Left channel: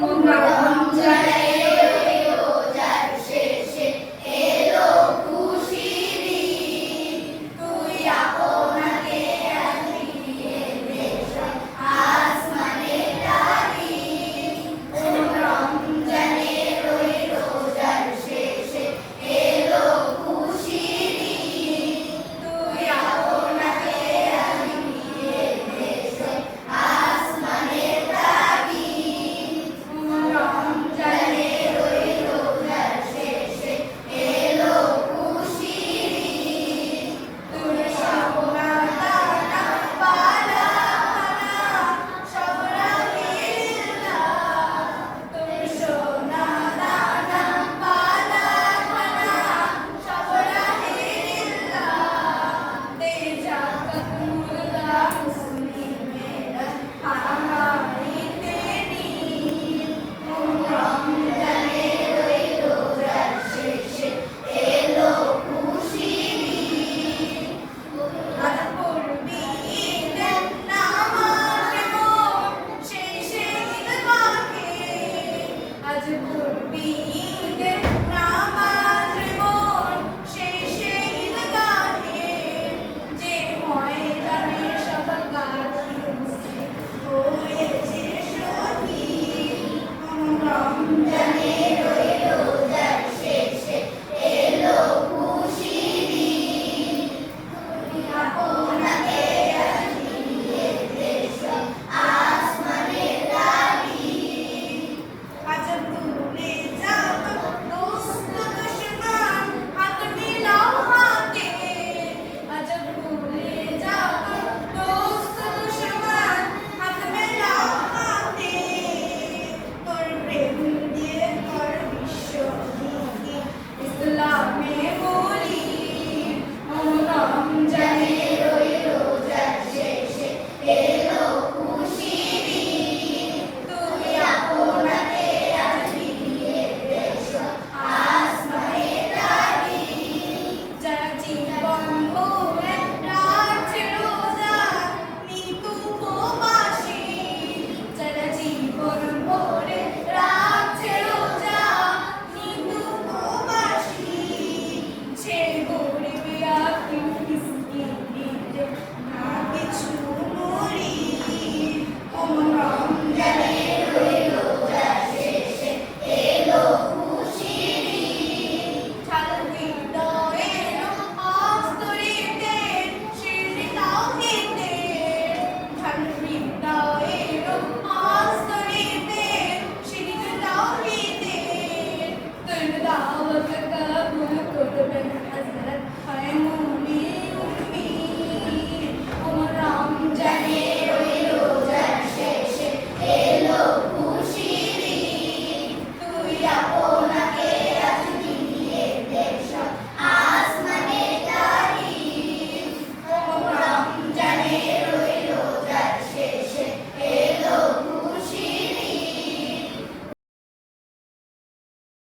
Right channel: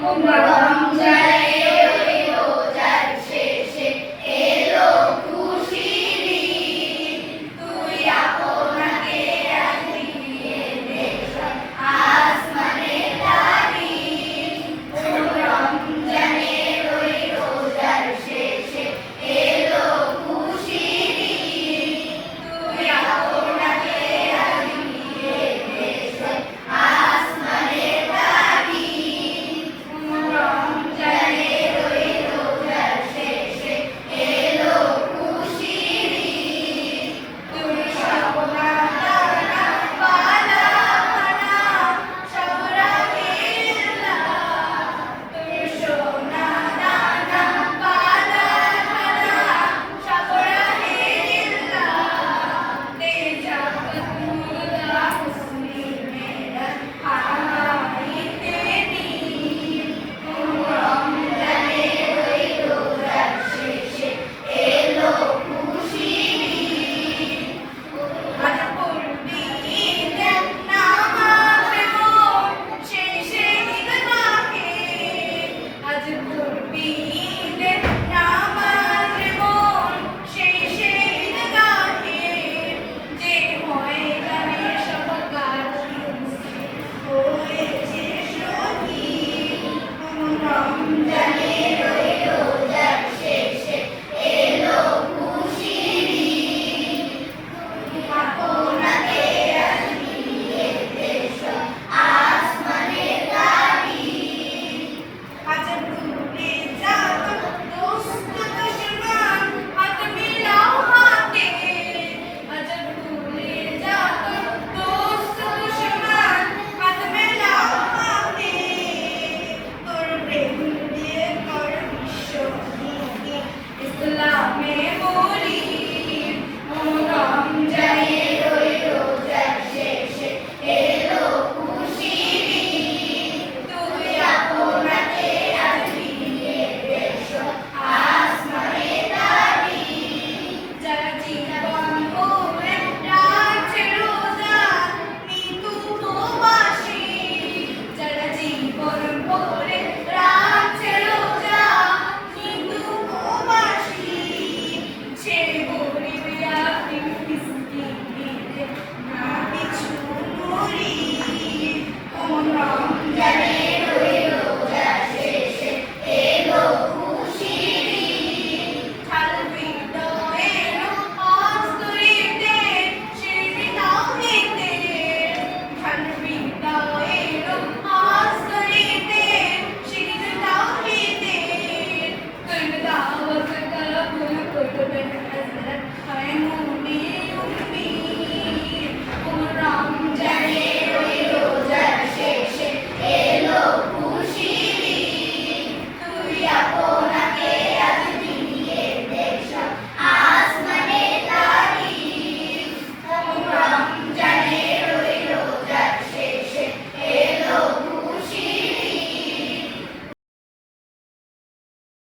রমজানের ওই রোজার শেষে এলো খুশির ঈদ, তুই আপনাকে আজ ফিরিয়ে দে আসমানের তারিখ। রমজানের ওই রোজার শেষে এলো খুশির ঈদ, তুই আপনাকে আজ ফিরিয়ে দে আসমানের তারিখ। রমজানের ওই রোজার শেষে এলো খুশির ঈদ, তুই সবনা পালা খানা সব রাহিল্লা, তুই সোনা দানা পালা খানা সব রাহিল্লা, তেজাবতুল্লাহ মুসলিমেরা হামাইতে নীল। রমজানের ওই রোজার শেষে এলো খুশির ঈদ, আজ পড়বি ঈদের নামাজ মোর শেষে ঈদগাহে, আজ পড়বি